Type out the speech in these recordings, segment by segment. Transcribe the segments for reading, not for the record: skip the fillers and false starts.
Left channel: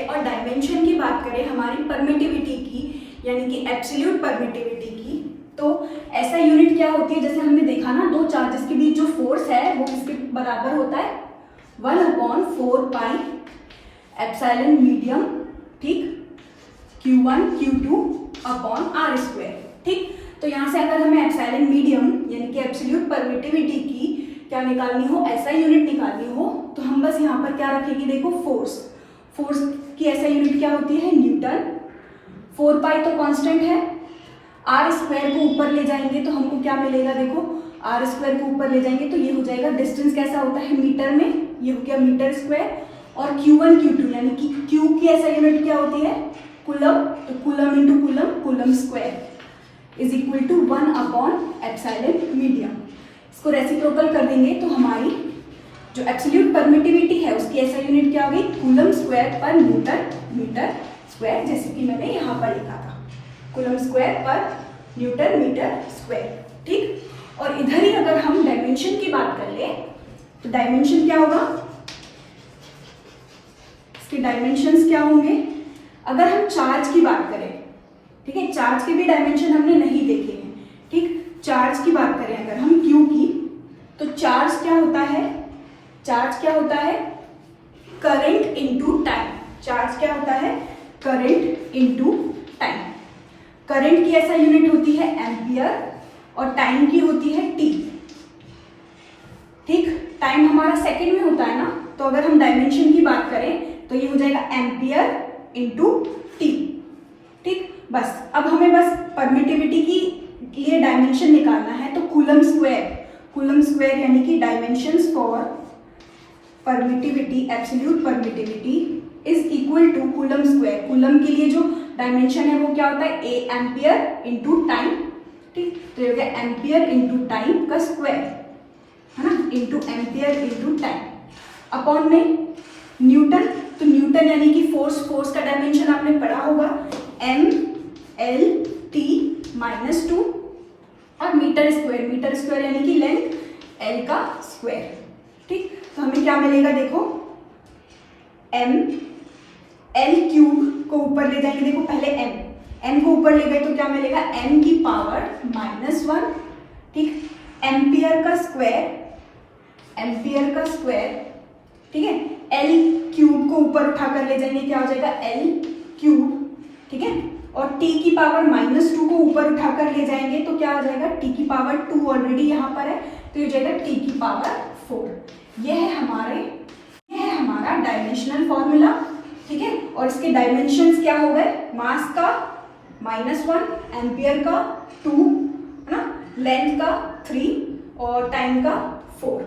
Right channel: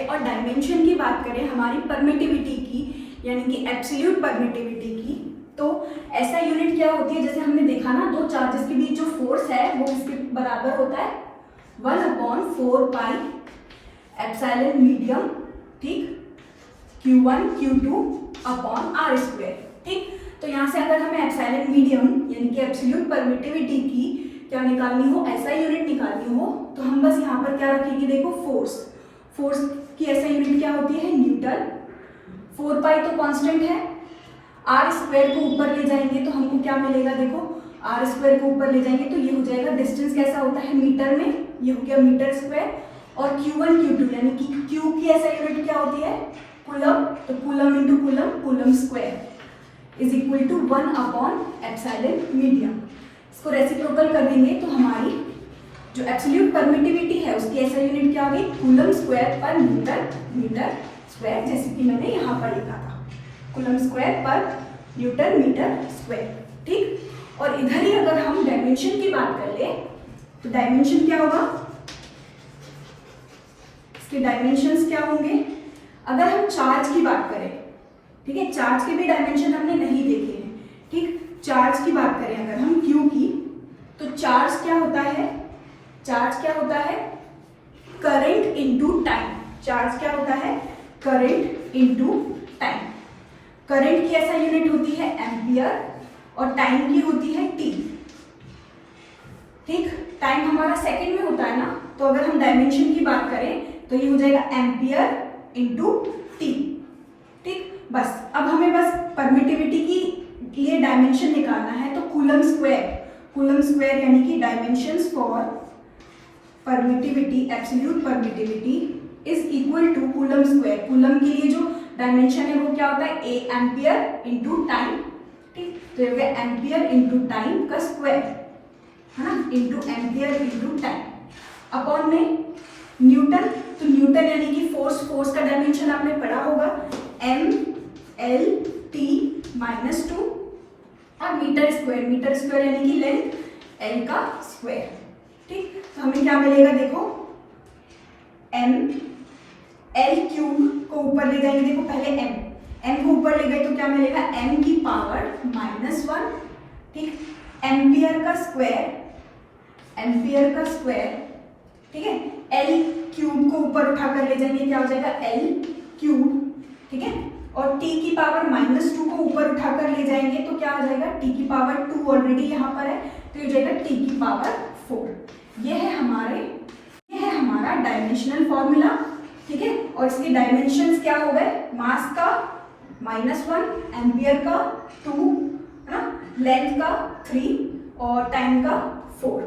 करें और डायमेंशन की बात करें हमारी परमिटिविटी की, यानी कि एब्सोल्यूट परमिटिविटी की, तो ऐसा यूनिट क्या होती है, जैसे हमने देखा ना, दो चार्जेस के बीच जो फोर्स है वो किसके बराबर होता है, 1/4 पाई एप्सिलॉन मीडियम, ठीक, Q1 Q2 upon R square, ठीक। तो यहाँ से अगर हमें एप्सिलॉन मीडियम यानी कि एब्सोल्यूट परमिटिविटी की क्या निकालनी हो, ऐसा यूनिट निकालनी हो, तो हम बस यहाँ पर क्या रखेंगे, देखो फोर्स की ऐसा यूनिट क्या होती है, न्यूटन। 4 पाई तो कांस्टेंट है, आर स्क्वायर को ऊपर ले जाएंगे तो हमको क्या मिलेगा, देखो आर स्क्वायर को ऊपर ले जाएंगे तो ये हो जाएगा, डिस्टेंस कैसा होता है मीटर में, ये हो गया मीटर स्क्वायर। और Q1 Q2 यानी कि Q की ऐसा यूनिट क्या होती है, कूलम, तो coulomb into coulomb, coulomb square is equal to 1 upon epsilon medium. इसको रेसिप्रोकल कर देंगे तो हमारी जो एब्सोल्यूट परमिटिविटी है उसकी ऐसा यूनिट क्या होगी, कूलम स्क्वायर पर मीटर स्क्वायर, जैसे कि मैंने यहाँ पर लिखा था, कूलम स्क्वायर पर मीटर स्क्वायर, ठीक। और इधर ही अगर हम डायमेंशन की बात कर ले तो डायमेंशन क्या होगा, इसके डायमेंशंस क्या होंगे, अगर हम चार्ज की बात करें, ठीक है, चार्ज के भी डायमेंशन हमने नहीं देखे हैं, ठीक। चार्ज की बात करें अगर हम Q की, तो चार्ज क्या होता है, करंट इनटू टाइम। चार्ज क्या होता है, करंट इनटू टाइम। करंट की ऐसा यूनिट होती है एम्पियर और टाइम की होती है टी, ठीक। टाइम हमारा सेकंड में होता है ना, तो अगर हम डायमेंशन की बात करें तो ये हो जाएगा एम्पियर इनटू टी, ठीक। बस अब हमें बस परमिटिविटी की लिए डायमेंशन निकालना है, तो कूलम स्क्वायर यानी कि dimensions for permittivity, absolute permittivity is equal to coulomb square. Coulomb के लिए जो डायमेंशन है वो क्या होता है, ए एम्पियर इनटू टाइम, ठीक। तो ये हो गया एम्पियर इनटू टाइम का स्क्वायर, है ना, into ampere into time upon में न्यूटन। तो न्यूटन यानी कि फोर्स का डायमेंशन आपने पढ़ा होगा, M/L/T-2 और मीटर स्क्वायर यानी कि लेंथ L का स्क्वायर, ठीक। तो हमें क्या मिलेगा, देखो L क्यूब को ऊपर ले जाएंगे, देखो पहले M को ऊपर ले गए तो क्या मिलेगा, M की पावर -1, ठीक। एम्पियर का स्क्वायर, ठीक है। L क्यूब को ऊपर उठाकर ले जाएंगे, क्या हो जाएगा L क्यूब, ठीक है। और T की पावर -2 को ऊपर उठाकर ले जाएंगे तो क्या आ जाएगा, T की पावर 2 ऑलरेडी यहाँ पर है तो ये हो जाएगा T की पावर 4। यह है हमारा डायमेंशनल फॉर्मूला, ठीक है। और इसके डायमेंशंस क्या हो गए, मास का -1, एम्पियर का 2, है ना, लेंथ का 3 और टाइम का 4।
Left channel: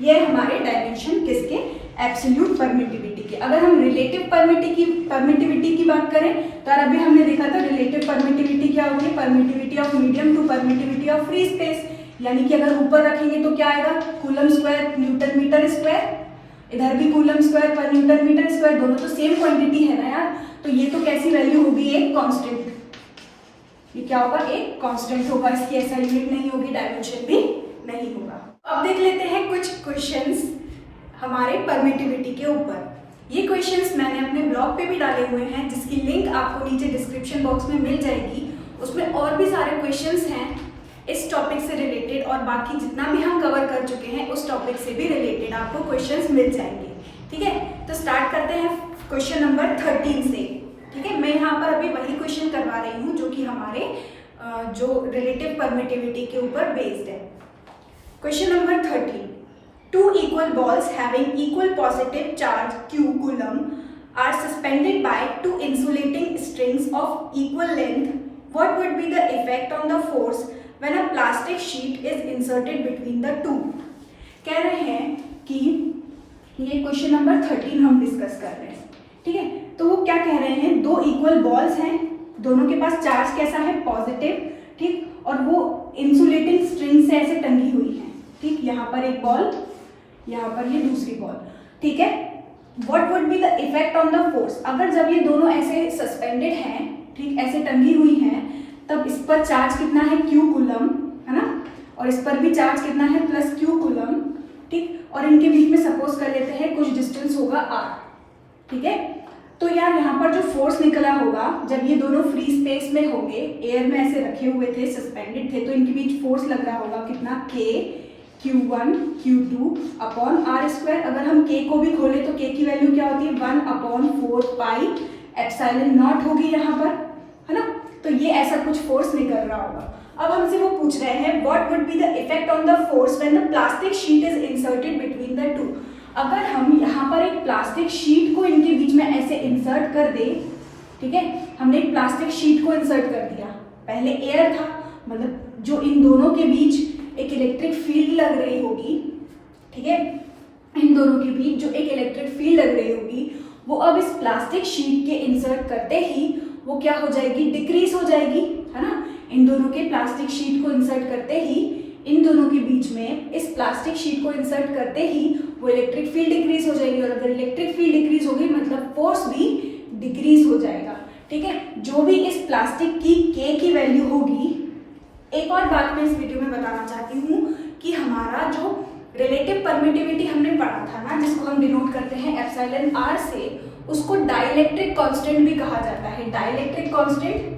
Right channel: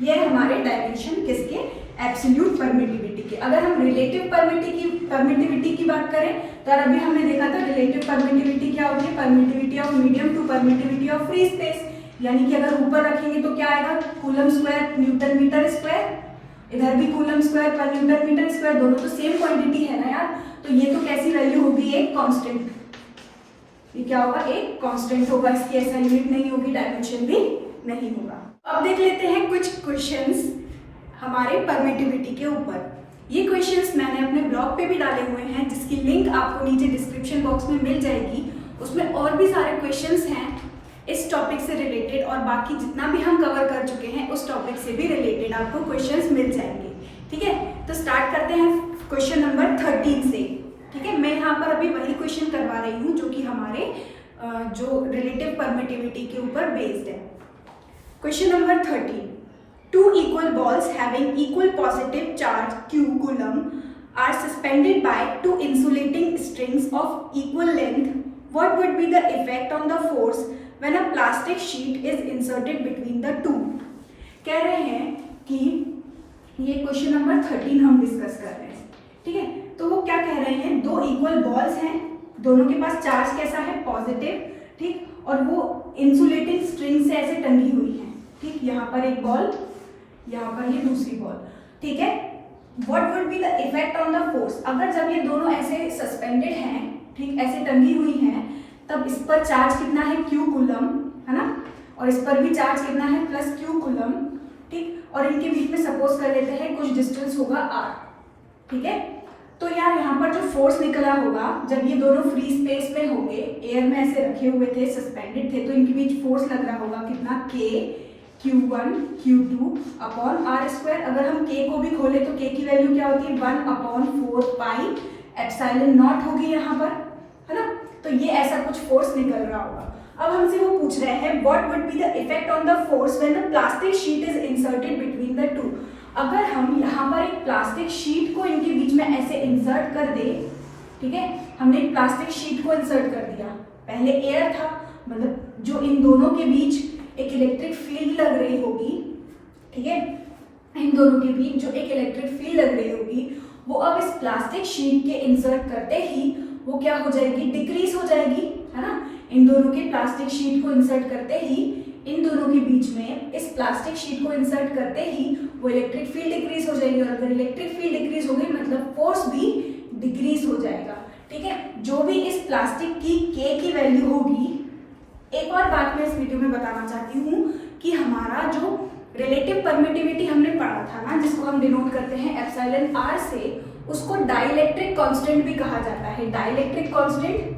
ये हमारे डायमेंशन किसके, एब्सोल्यूट परमिटिविटी के। अगर हम रिलेटिव परमिटिविटी की बात करें तो अभी हमने देखा था रिलेटिव परमिटिविटी क्या होती है, permittivity of medium to permittivity of free space, यानी कि अगर ऊपर रखेंगे तो क्या आएगा, coulomb square newton metre square, इधर भी कूलम स्क्वायर पर न्यूटन मीटर स्क्वायर, दोनों तो सेम क्वांटिटी है ना यार, तो ये तो कैसी वैल्यू होगी, एक कांस्टेंट, ये क्या होगा, एक कांस्टेंट होगा, इसकी ऐसा यूनिट नहीं होगी, डायमेंशन भी नहीं होगा। अब देख लेते हैं कुछ क्वेश्चंस हमारे परमिटिविटी के ऊपर। ये क्वेश्चंस मैंने अपने ब्लॉग पे भी डाले हुए हैं, जिसकी लिंक आपको नीचे डिस्क्रिप्शन बॉक्स में मिल जाएगी। उसमें और भी सारे क्वेश्चंस हैं इस टॉपिक से रिलेटेड, और बाकी जितना भी हम कवर कर चुके हैं उस टॉपिक से भी रिलेटेड आपको क्वेश्चंस मिल जाएंगे, ठीक है। तो स्टार्ट करते हैं क्वेश्चन नंबर 13 से, ठीक है। मैं यहाँ पर अभी वही क्वेश्चन करवा रही हूँ जो कि हमारे जो रिलेटिव परमिटिविटी के ऊपर बेस्ड है। Question number 13, 2 equal balls having equal positive charge Q coulomb are suspended by 2 insulating strings of equal length. What would be the effect on the force when a plastic sheet is inserted between the two? कह रहे हैं कि ये question number 13 हम discuss कर रहे हैं, ठीक है। तो वो क्या कह रहे हैं, 2 इक्वल बॉल्स हैं, दोनों के पास चार्ज कैसा है, पॉजिटिव, ठीक, और वो इंसुलेटिंग स्ट्रिंग से ऐसे टंगी हुई है, ठीक। यहाँ पर एक बॉल, यहाँ पर ये दूसरी बॉल, ठीक है। What would be the effect on the force, अगर जब ये दोनों ऐसे सस्पेंडेड हैं, ठीक, ऐसे टंगी हुई हैं, तब इस पर चार्ज कितना है, Q कूलम, है ना, और इस पर भी चार्ज कितना है, +Q कूलम, ठीक। और इनके बीच में सपोज कर लेते हैं कुछ डिस्टेंस होगा R, ठीक है। तो यार यहाँ पर जो फोर्स निकला होगा, जब ये दोनों फ्री स्पेस में होंगे, एयर में ऐसे रखे हुए थे, सस्पेंडेड थे, तो इनके बीच फोर्स लग रहा होगा कितना, K Q1 Q2 upon are square. अगर हम K को भी खोले तो K की वैल्यू क्या होती है, 1/4 पाई एप्सिलॉन नॉट होगी यहाँ पर, है ना। तो ये ऐसा कुछ फोर्स निकल रहा होगा। अब हमसे वो पूछ रहे हैं what would be the effect on the force when the plastic sheet is inserted between the two. अगर हम यहाँ पर एक प्लास्टिक शीट को इनके बीच में ऐसे इंसर्ट कर दे, ठीक है, हमने एक प्लास्टिक शीट को इंसर्ट कर दिया, पहले एयर था, मतलब जो इन दोनों के बीच एक इलेक्ट्रिक फील्ड लग रही होगी, ठीक है, इन दोनों के बीच जो एक इलेक्ट्रिक फील्ड लग रही होगी, वो अब इस प्लास्टिक शीट के इंसर्ट करते ही वो क्या हो जाएगी, डिक्रीज हो जाएगी, है ना। इन दोनों के प्लास्टिक शीट को इंसर्ट करते ही, इन दोनों के बीच में इस प्लास्टिक शीट को इंसर्ट करते ही वो इलेक्ट्रिक फील्ड डिक्रीज हो जाएगी, और अगर इलेक्ट्रिक फील्ड डिक्रीज हो गई मतलब फोर्स भी डिक्रीज हो जाएगा, ठीक है। जो भी इस प्लास्टिक की K की वैल्यू होगी, एक और बात मैं इस वीडियो में बताना चाहती हूँ कि हमारा जो रिलेटिव परमिटिविटी हमने पढ़ा था ना, जिसको हम डिनोट करते हैं एप्सिलॉन R से, उसको डाइलेक्ट्रिक कांस्टेंट भी कहा जाता है। डाइलेक्ट्रिक कांस्टेंट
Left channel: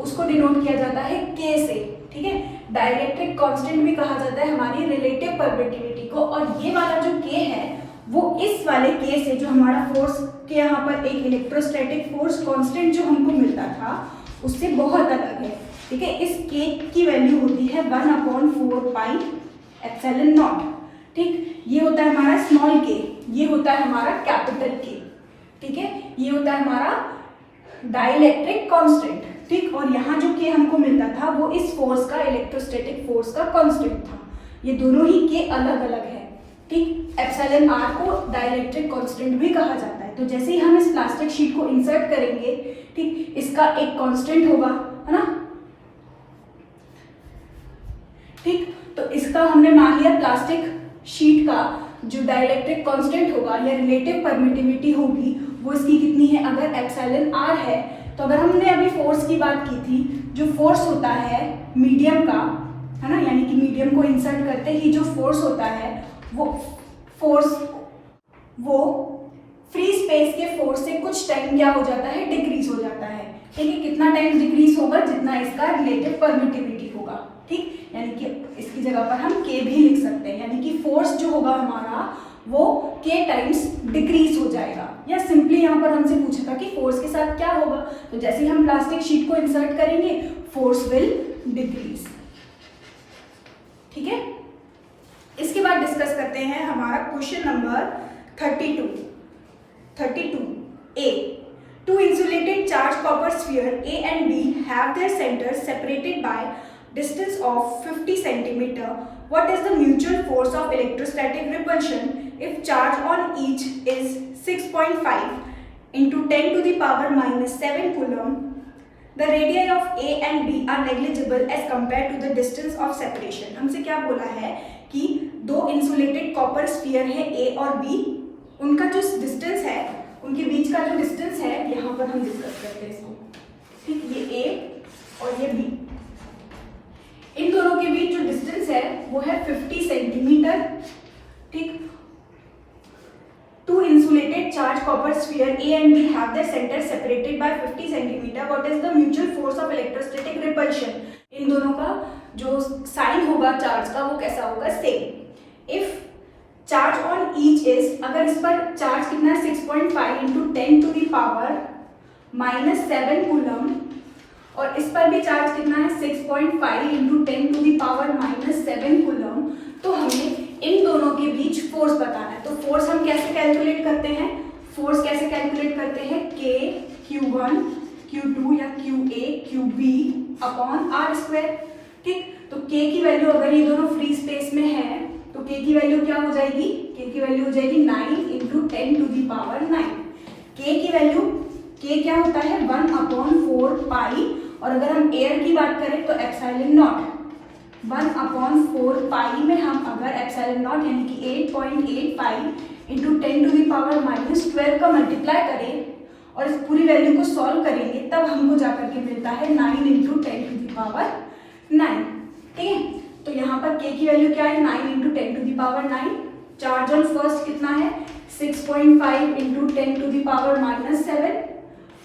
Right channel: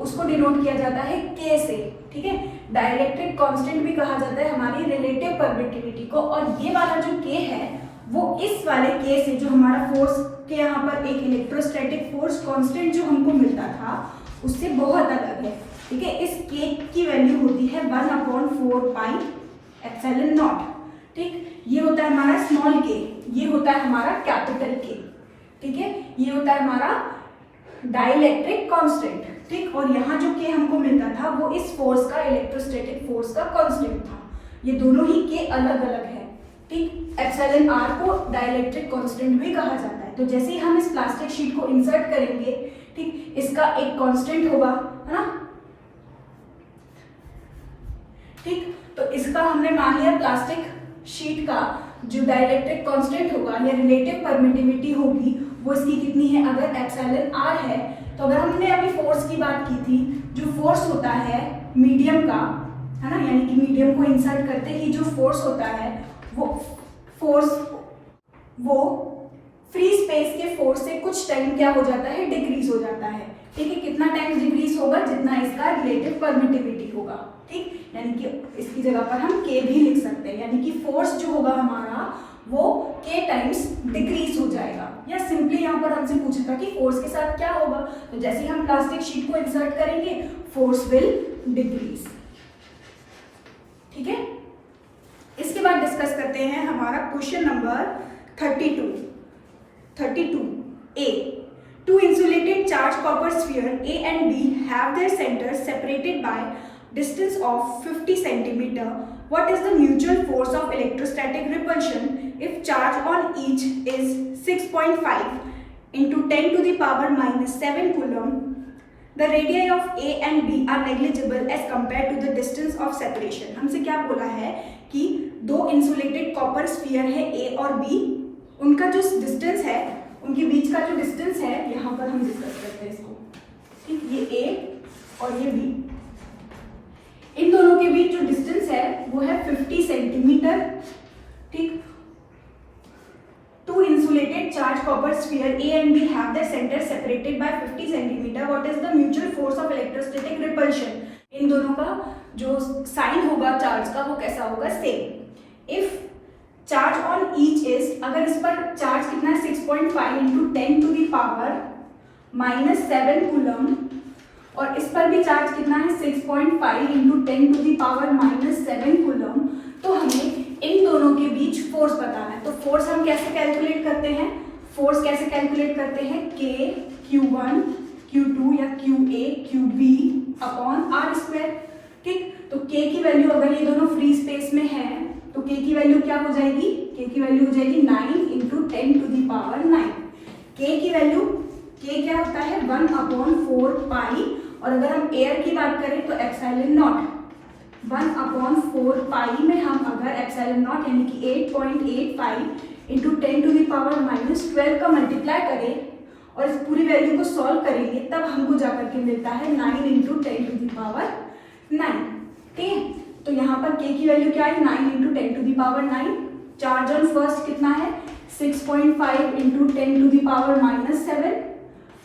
उसको डिनोट किया जाता है K से, ठीक है। डाइलेक्ट्रिक कांस्टेंट भी कहा जाता है हमारी रिलेटिव परमिटिविटी को, और ये वाला जो K है वो इस वाले K से, जो हमारा फोर्स के यहाँ पर एक इलेक्ट्रोस्टैटिक फोर्स कांस्टेंट जो हमको मिलता था, उससे बहुत अलग है, ठीक है। इस K की वैल्यू होती है 1/4 पाई एप्सिलॉन नॉट, ठीक। ये होता है हमारा स्मॉल K, ये होता है हमारा कैपिटल K, ठीक है। ये होता है हमारा डाइलेक्ट्रिक कांस्टेंट, ठीक। और यहाँ जो K हमको मिलता था वो इस फोर्स का, इलेक्ट्रोस्टैटिक फोर्स का कांस्टेंट था। ये दोनों ही K अलग अलग है, ठीक। एप्सिलॉन R को डाइलेक्ट्रिक कांस्टेंट भी कहा जाता है। तो जैसे ही हम इस प्लास्टिक शीट को इंसर्ट करेंगे, ठीक, इसका एक कांस्टेंट होगा, है ना, ठीक। तो इसका हमने मान लिया, प्लास्टिक शीट का जो डाइलेक्ट्रिक कांस्टेंट होगा या रिलेटिव परमिटिविटी होगी वो इसकी कितनी है, अगर एप्सिलॉन R है। तो अगर हमने अभी फोर्स की बात की थी, जो फोर्स होता है मीडियम का, है ना, यानी कि मीडियम को इंसर्ट करते ही जो फोर्स होता है वो फोर्स वो फ्री स्पेस के फोर्स से कुछ टाइम क्या हो जाता है, डिक्रीज हो जाता है, ठीक है। कितना टाइम डिक्रीज होगा, जितना इसका रिलेटिव परमिटिविटी होगा, ठीक। यानी कि इसकी जगह पर हम K भी लिख सकते हैं, यानी कि फोर्स जो होगा हमारा वो K टाइम्स डिक्रीज हो जाएगा। या सिंपली यहाँ पर हमसे पूछा था कि फोर्स के साथ क्या होगा, तो जैसे ही हम प्लास्टिक शीट को इंसर्ट करेंगे फोर्स विल डिक्रीज, ठीक है। इसके बाद डिस्कस करते हैं हमारा question number 32 A। Two insulated charged copper sphere A and B have their centers separated by distance of 50 centimeter. What is the mutual force of electrostatic repulsion if charge on each is 6.5 into 10 to the power minus 7 coulomb? The radii of A and B are negligible as compared to the distance of separation. हमसे क्या बोला है कि दो insulated copper sphere है A और B, उनका जो डिस्टेंस है, उनके बीच का जो डिस्टेंस है, यहाँ पर हम डिस्कस करते हैं इसको, ठीक। ये A और ये B, इन दोनों के बीच जो डिस्टेंस है वो है 50 सेंटीमीटर, ठीक। Two insulated charged copper sphere A and B have their centers separated by 50 centimeter. What is the mutual force of electrostatic repulsion? इन दोनों का जो साइन होगा चार्ज का वो कैसा होगा, same. If charge on each is, अगर इस पर चार्ज कितना है 6.5 into 10 to the power minus 7 coulomb, और इस पर भी चार्ज कितना है 6.5 into 10 to the power minus 7 coulomb, तो हमें इन दोनों के बीच फोर्स बताना है। तो फोर्स हम कैसे कैलकुलेट करते हैं, फोर्स कैसे कैलकुलेट करते हैं, K Q1 Q2 या QA QB upon R square, ठीक। तो K की वैल्यू अगर ये दोनों फ्री स्पेस में है तो K की वैल्यू क्या हो जाएगी, K की वैल्यू हो जाएगी 9 into 10 to the power 9। K की वैल्यू, K क्या होता है 1/4 पाई, और अगर हम एयर की बात करें तो एप्सिलॉन नॉट 1/4 पाई में हम अगर एप्सिलॉन नॉट यानी कि 8.85 into 10 to the power minus 12 का मल्टीप्लाई करें और इस पूरी वैल्यू को सॉल्व करेंगे, तब हमको जाकर के मिलता है 9 इंटू 10 टू दी पावर 9, ठीक है। तो यहाँ पर K की वैल्यू क्या है 9 into 10 to the power 9। Charge on first कितना है 6.5 into 10 to the power minus 7,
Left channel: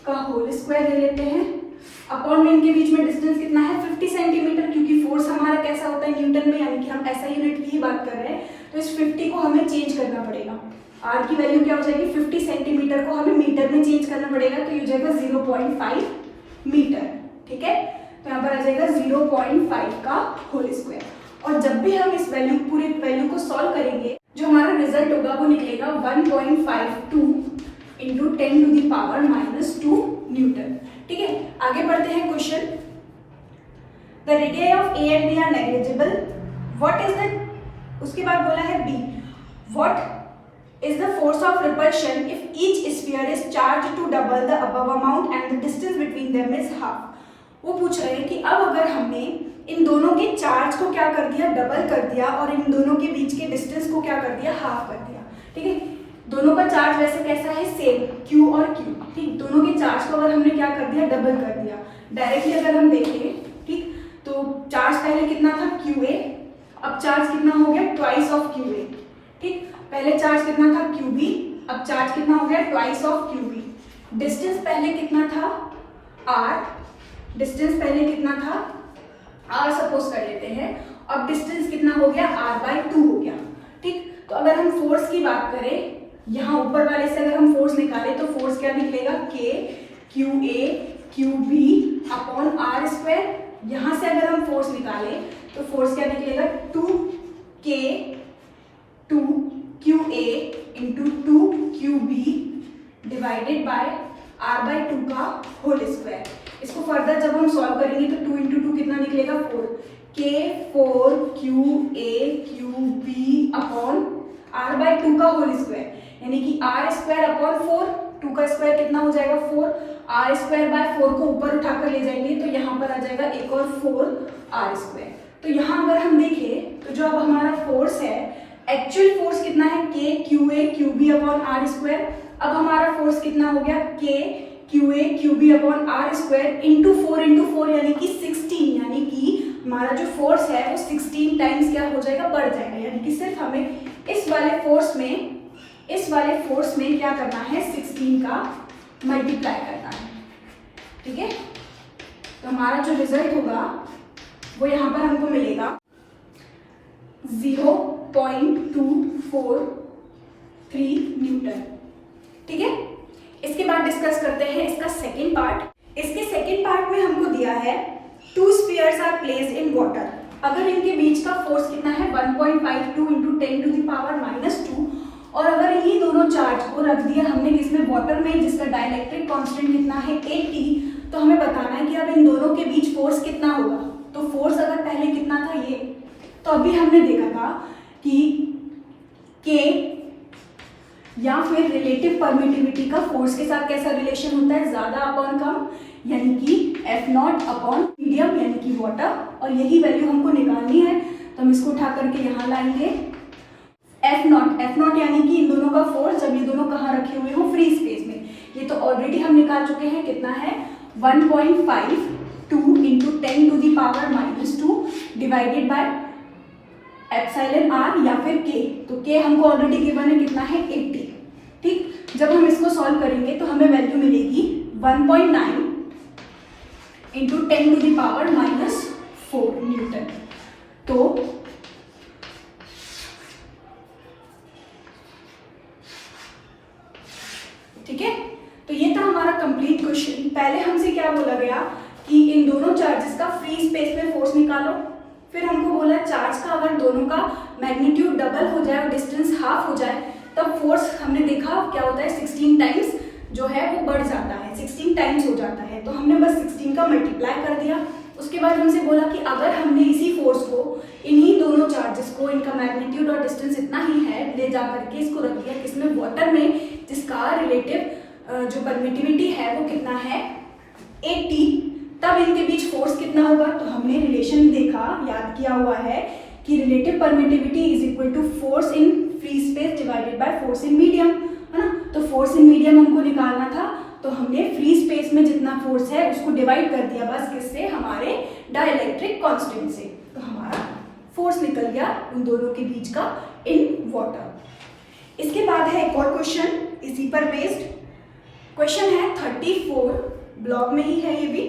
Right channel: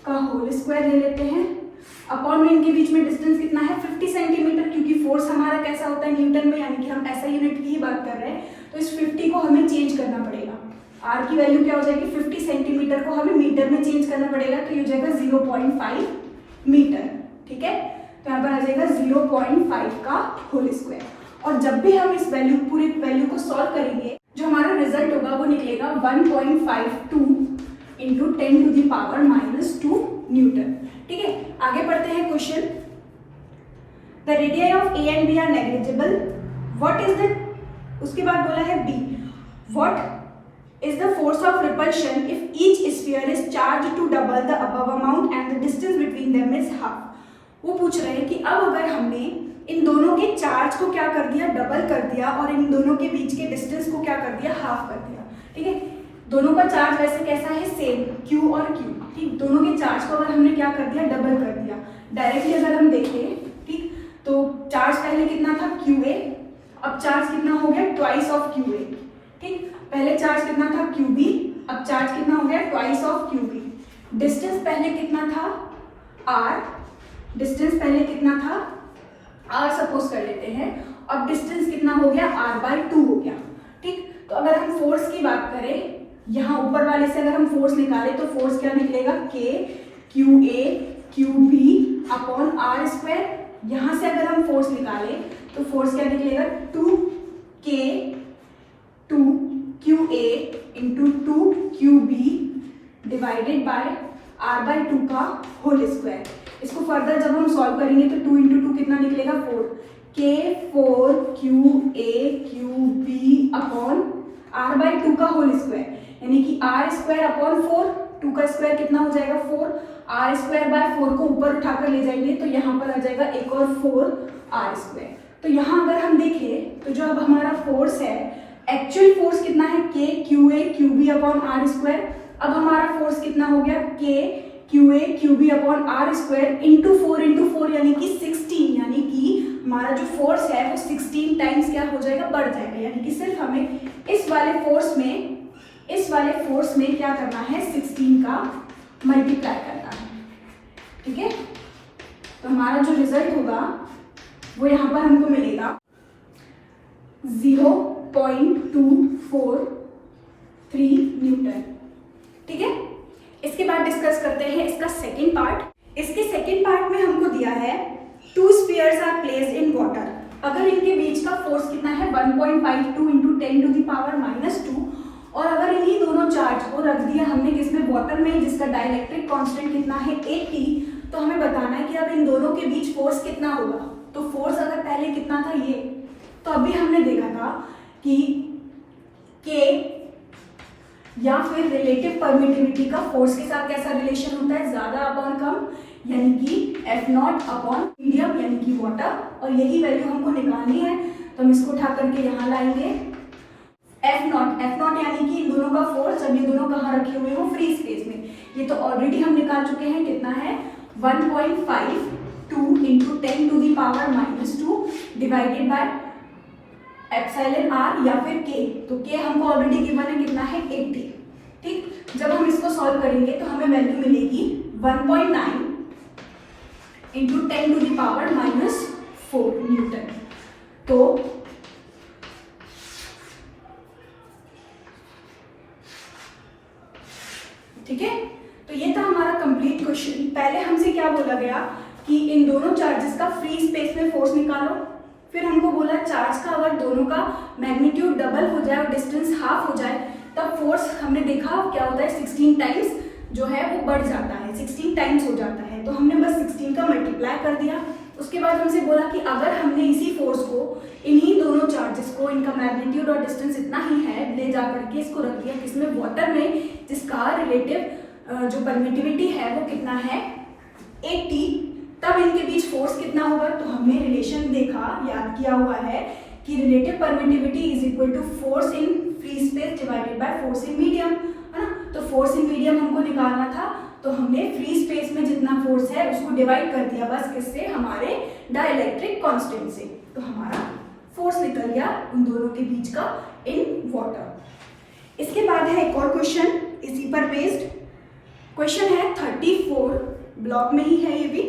का होल स्क्वायर ले लेते हैं अपॉन में इनके बीच में डिस्टेंस कितना है 50 सेंटीमीटर, क्योंकि फोर्स हमारा कैसा होता है न्यूटन में, यानी कि हम ऐसा यूनिट की ही बात कर रहे हैं, तो इस 50 को हमें चेंज करना पड़ेगा। आर की वैल्यू क्या हो जाएगी 50 सेंटीमीटर को हमें मीटर में चेंज करना पड़ेगा, तो ये हो जाएगा 0.5 मीटर। ठीक है, तो यहाँ पर आ जाएगा 0.5 का होल स्क्वायर। और जब भी हम इस वैल्यू पूरे वैल्यू को सॉल्व करेंगे, जो हमारा रिजल्ट होगा वो निकलेगा 1.52 into 10 to the power -2 newton. ठीक है, आगे बढ़ते हैं question. The radius of A and B are negligible, what is the, उसके बाद बोला है B, what is the force of repulsion if each sphere is charge to double the above amount and the distance between them is half. वो पूछ रहे हैं कि अब अगर हमने इन दोनों के चार्ज को क्या कर दिया, डबल कर दिया, और इन दोनों के बीच के डिस्टेंस को क्या कर दिया, हाफ कर दिया। ठीक है, दोनों का चार्ज वैसे कैसा है, सेम, Q और Q। ठीक, दोनों के चार्ज को अगर हमने क्या कर दिया, डबल कर दिया। डायरेक्टली अगर हम देखें, ठीक, तो चार्ज पहले कितना था QA, अब चार्ज कितना हो गया ट्वाइस ऑफ QA। ठीक, पहले चार्ज कितना था QB, अब चार्ज कितना हो गया ट्वाइस ऑफ QB। डिस्टेंस पहले कितना था R, डिस्टेंस पहले कितना था R सपोज कर लेते हैं, अब डिस्टेंस कितना हो गया R/2 हो गया। ठीक, तो अगर हम फोर्स की बात करें, यहाँ ऊपर वाले से अगर हम फोर्स निकालें तो फोर्स क्या निकलेगा K QA QB upon R square. यहाँ से अगर हम फोर्स निकालें तो फोर्स क्या निकलेगा 2K 2QA into 2QB divided by R/2 का होल स्क्वायर। इसको फर्दर जब हम सॉल्व करेंगे तो 2 इंटू 2 कितना निकलेगा 4, K 4QA QB upon R/2 का होल स्क्वायर, यानी कि R स्क्वायर अपॉन 4, 2 का स्क्वायर कितना हो जाएगा 4, R स्क्वायर बाय 4 को ऊपर उठाकर ले जाएंगे तो यहाँ पर आ जाएगा एक और 4 R स्क्वायर। तो यहाँ अगर हम देखें तो जो अब हमारा फोर्स है, एक्चुअल फोर्स कितना है K QA QB upon R square. अब हमारा फोर्स कितना हो गया K QA QB upon R square into 4 यानी कि 16, यानी कि हमारा जो फोर्स है वो 16 टाइम्स क्या हो जाएगा, बढ़ जाएगा। यानी कि सिर्फ हमें इस वाले फोर्स में क्या करना है, 16 का मल्टीप्लाई करना है। ठीक है, तो हमारा जो रिजल्ट होगा वो यहाँ पर हमको मिलेगा 0.243 न्यूटन। ठीक है, इसके बाद डिस्कस करते हैं इसका सेकेंड पार्ट। इसके सेकेंड पार्ट में हमको दिया है 2 spheres are placed in water. अगर इनके बीच का फोर्स कितना है 1.52 इंटू 10 टू द पावर -2, और अगर इन्हीं दोनों चार्ज को रख दिया हमने किसमें, वाटर में, जिसका डाइलेक्ट्रिक कांस्टेंट कितना है 80, तो हमें बताना है कि अब इन दोनों के बीच फोर्स कितना होगा। तो फोर्स अगर पहले कितना था ये, तो अभी हमने देखा था कि K या फिर रिलेटिव परमिटिविटी का फोर्स के साथ कैसा रिलेशन होता है, ज्यादा अपॉन कम, यानी कि F0 अपॉन मीडियम यानी कि वाटर। और यही वैल्यू हमको निकालनी है, तो हम इसको उठा करके यहाँ लाएंगे। F0 यानी कि इन दोनों का फोर्स, जब ये दोनों कहाँ रखे हुए हो, फ्री स्पेस में। ये तो ऑलरेडी हम निकाल चुके हैं, कितना है 1.52 into 10 to the power -2 divided by epsilon R या फिर K। तो K हमको ऑलरेडी गिवन है, कितना है 80। ठीक, जब हम इसको सॉल्व करेंगे तो हमें वैल्यू मिलेगी 1.9 into 10 to the power -4 newton. तो ठीक है, तो ये था हमारा कंप्लीट क्वेश्चन। पहले हमसे क्या बोला गया कि इन दोनों चार्जेस का फ्री स्पेस में फोर्स निकालो, फिर हमको बोला चार्ज का अगर दोनों का मैग्नीट्यूड डबल हो जाए और डिस्टेंस हाफ हो जाए तब फोर्स हमने देखा क्या होता है 16 टाइम्स जो है वो बढ़ जाता है, 16 टाइम्स हो जाता है। तो हमने बस 16 का मल्टीप्लाई कर दिया। उसके बाद हमसे बोला कि अगर हमने इसी फोर्स को इन्हीं दोनों चार्जेस को, इनका मैग्नीट्यूड और डिस्टेंस इतना ही है, ले जा करके इसको रख दिया किसमें, वाटर में, जिसका रिलेटिव जो परमिटिविटी है वो कितना है 80, तब इनके बीच फोर्स कितना होगा। तो हमने रिलेशन देखा, याद किया हुआ है कि relative permittivity is equal to force in free space divided by force in medium, है ना। तो फोर्स इन मीडियम हमको निकालना था, तो हमने फ्री स्पेस में जितना फोर्स है उसको डिवाइड कर दिया बस किससे, हमारे डाइलेक्ट्रिक कांस्टेंट से। तो हमारा फोर्स निकल गया उन दोनों के बीच का इन वाटर। इसके बाद है एक और क्वेश्चन इसी पर बेस्ड। क्वेश्चन है 34, ब्लॉक में ही है ये भी।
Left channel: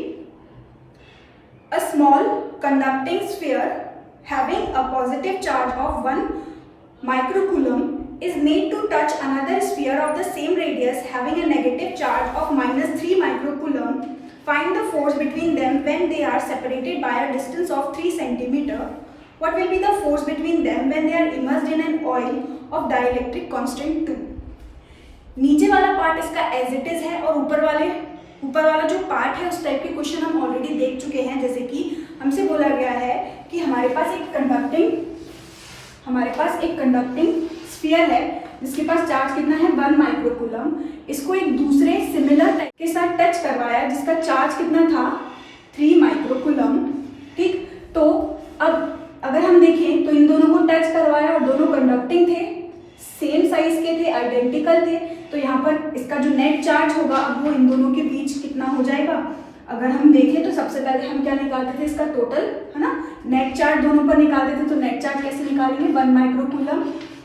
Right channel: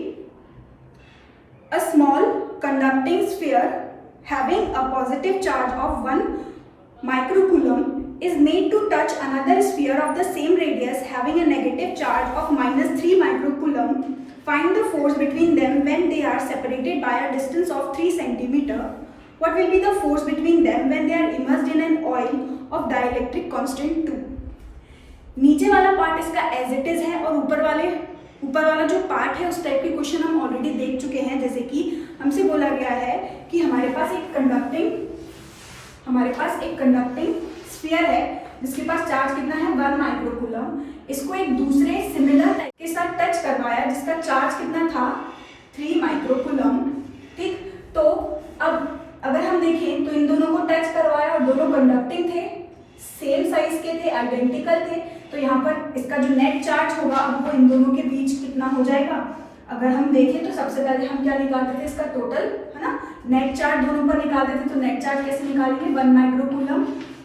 A small conducting sphere having a positive charge of 1 microcoulomb is made to touch another sphere of the same radius having a negative charge of -3 microcoulomb. Find the force between them when they are separated by a distance of 3 centimeter. What will be the force between them when they are immersed in an oil of dielectric constant 2? नीचे वाला part इसका as it is है और ऊपर वाला जो part है उस टाइप के क्वेश्चन हम ऑलरेडी देख चुके हैं। जैसे कि हमसे बोला गया है कि हमारे पास एक कंडक्टिंग स्फीयर है जिसके पास चार्ज कितना है 1 माइक्रोकूलम। इसको एक दूसरे सिमिलर टाइप के साथ टच करवाया जिसका चार्ज कितना था 3 माइक्रोकूलम। ठीक, तो अब अगर हम देखें तो इन दोनों को टच करवाया और दोनों कंडक्टिंग थे, सेम साइज के थे, आइडेंटिकल थे, तो यहाँ पर इसका जो नेट चार्ज होगा अब वो इन दोनों के बीच कितना हो जाएगा। अगर हम देखें तो सबसे पहले हम क्या निकालते थे, इसका टोटल है ना, नेट चार्ज दोनों पर निकालते थे। तो नेट चार्ज कैसे निकालेंगे, 1 माइक्रोकूलम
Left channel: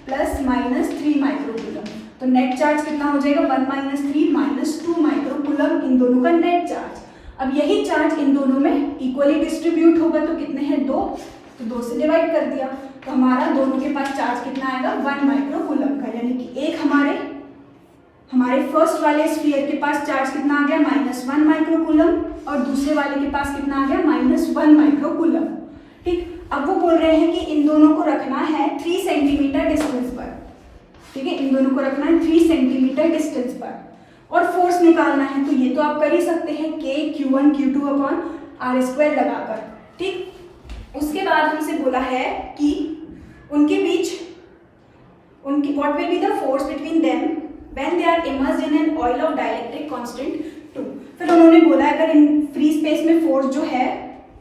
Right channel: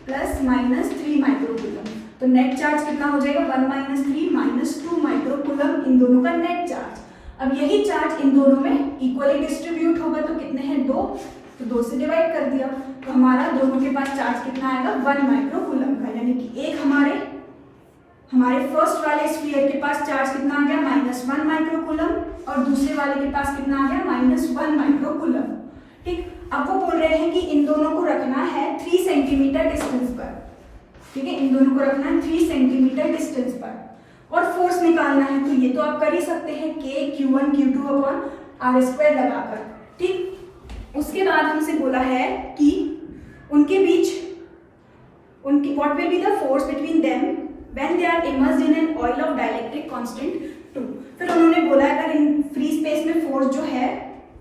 प्लस -3 माइक्रोकूलम। तो नेट चार्ज कितना हो जाएगा 1 -3 -2 माइक्रोकूलम, इन दोनों का नेट चार्ज। अब यही चार्ज इन दोनों में इक्वली डिस्ट्रीब्यूट होगा, तो कितने हैं 2, तो 2 से डिवाइड कर दिया, तो हमारा दोनों के पास चार्ज कितना आएगा 1 माइक्रोकूलम का। यानी कि एक हमारे फर्स्ट वाले स्फीयर के पास चार्ज कितना आ गया -1 माइक्रोकूलम और दूसरे वाले के पास कितना आ गया -1 माइक्रोकूलम। ठीक, अब वो बोल रहे हैं कि इन दोनों को रखना है 3 सेंटीमीटर डिस्टेंस पर। ठीक है, इन दोनों को रखना है 3 सेंटीमीटर डिस्टेंस पर और फोर्स निकालना है। तो ये तो आप कर ही सकते हैं K Q1 Q2 upon R² लगाकर। ठीक, उसके बाद हमसे बोला है कि उनके बीच what will be the force between them when they are immersed in an oil of dielectric constant 2। फिर उन्होंने बोला अगर इन फ्री स्पेस में फोर्स जो है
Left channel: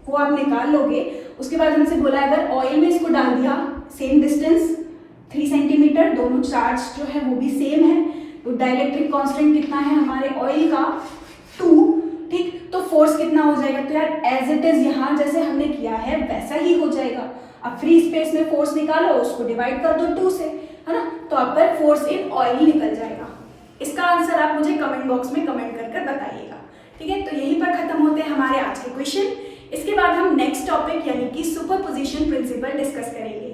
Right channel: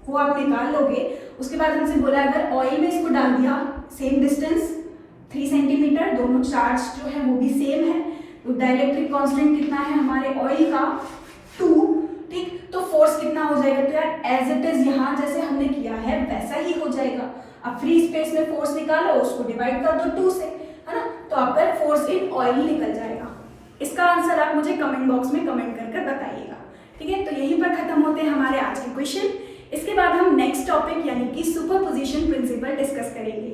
वो आप निकाल लोगे। उसके बाद हमसे बोला अगर ऑयल में इसको डाल दिया, सेम डिस्टेंस 3 सेंटीमीटर, दोनों चार्ज जो है वो भी सेम है, तो डाइलेक्ट्रिक कांस्टेंट कितना है हमारे ऑयल का 2। ठीक, तो फोर्स कितना हो जाएगा, तो यार एज इट इज यहाँ जैसे हमने किया है वैसा ही हो जाएगा। अब फ्री स्पेस में फोर्स निकालो, उसको डिवाइड कर दो 2 से, है ना, तो आपका फोर्स इन ऑयल निकल जाएगा। इसका आंसर आप मुझे कमेंट बॉक्स में कमेंट कर बताइएगा। ठीक है, तो यहीं पर खत्म होते हैं हमारे आज के क्वेश्चन। इसके बाद हम नेक्स्ट टॉपिक यानी कि सुपरपोजिशन प्रिंसिपल डिस्कस करेंगे।